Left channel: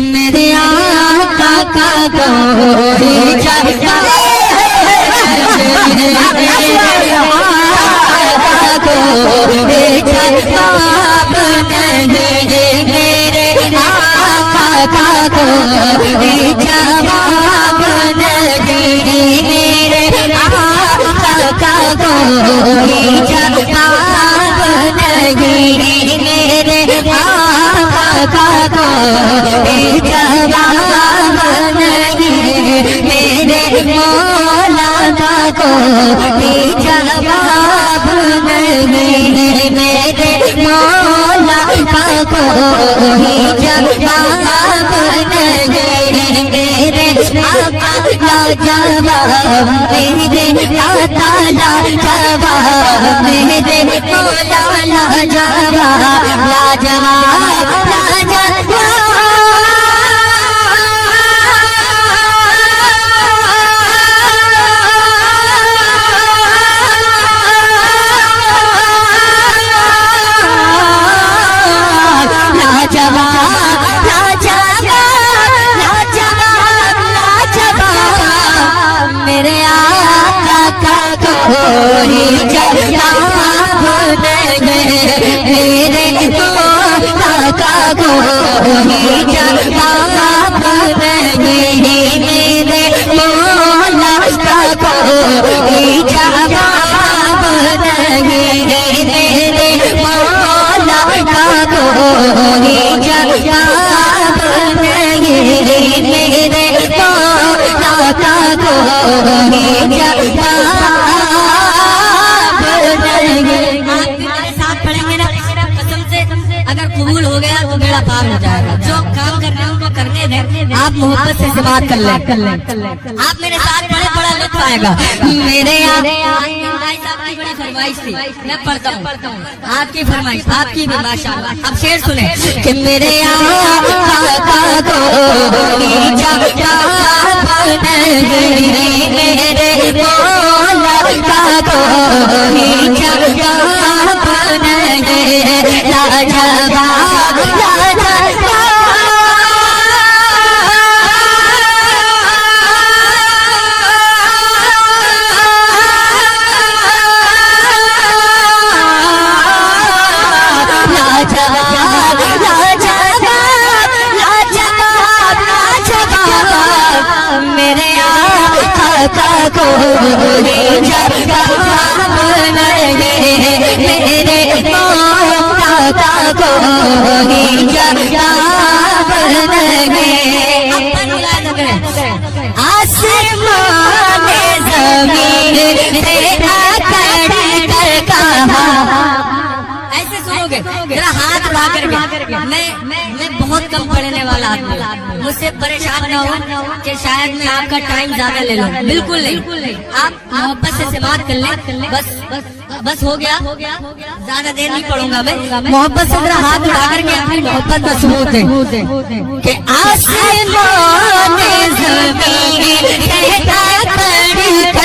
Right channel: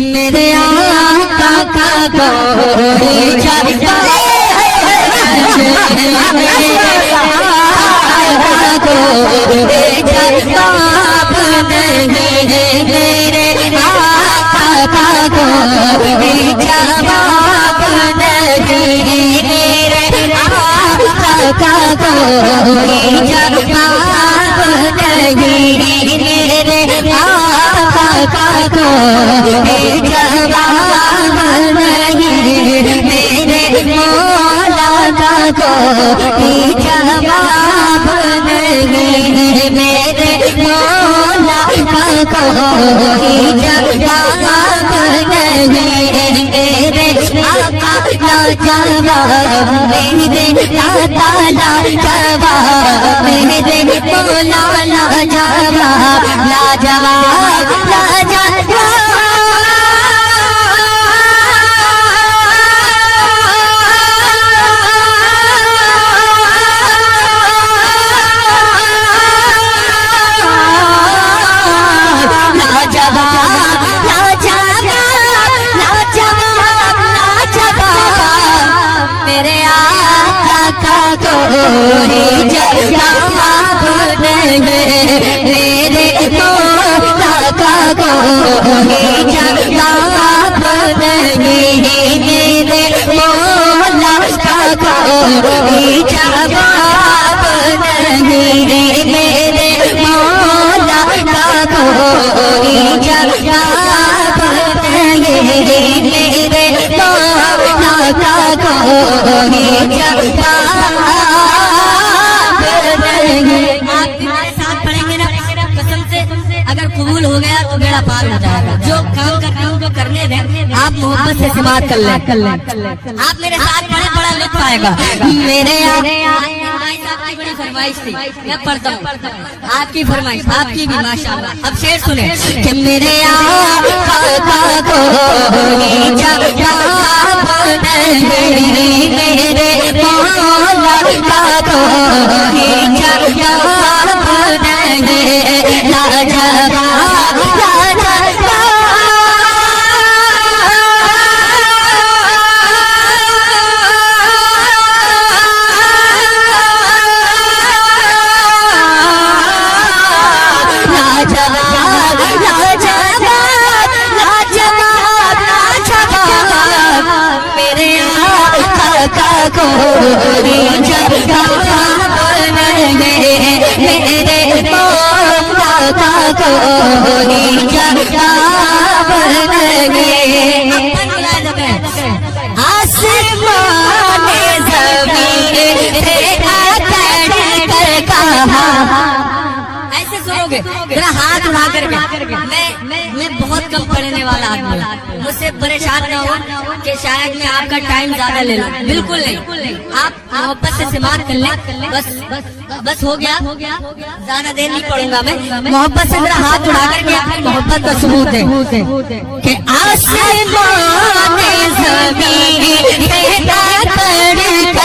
میرے آقا کا کوئی جلوہ میرے آقا کو جواب نہیں، میرے آقا کا کوئی جواب نہیں، میرے آقا کا کوئی جواب نہیں، میرے آقا کا کوئی جواب نہیں، میرے مولا کا کوئی جواب نہیں، میرے مولا کا کوئی جواب نہیں، میرے آقا کا جواب میرے دادا لا جواب، میرے مولا لا جواب، لا جواب لا جواب میرے مولا کا کوئی جواب نہیں، میرے مولا کا کوئی جواب نہیں، میرے مولا کا کوئی جواب نہیں، میرے مولا کا کوئی اگر قبول ہو گیا تو بیڑا پار ہو جائے گا، جو کام کرنے ان کو کرنے دیں، آپ محبت سے سماعت کر لیں، آپ میرے ساتھ بڑے بڑے لطف آئے گا۔ میرے صاحب کی بڑی فرمائش تھی، میں پڑھتا ہوں آپ کی فرمائش، آپ کی بھی ماشاءاللہ۔ اب شعر سنیں کہ میرے آقا کا کوئی جواب نہیں، میرے مولا کا کوئی جواب نہیں، لا جواب لا میرے آقا کا کوئی جواب نہیں، میرے مولا کا کوئی جواب نہیں۔ آسمان زمین سے اکڑ کر کہا، ایسے سنو گے ذرا ہاتھ اڑا کر کے، میں بہت کم پڑھنے والا آدمی، مجھ سے پریشان نہ ہو کہ شاید میں آپ کا ٹائم زیادہ لے لوں، بالکل نہیں، آپ محبت سے سماعت کر لیں، بس ہو گیا، زیادہ دیر نہیں پڑھوں گا میں، محبت سے ذرا ہاتھ اڑا کر کے اپنی محبت کا ثبوت دیں کہ آسمان زمین سے اکڑ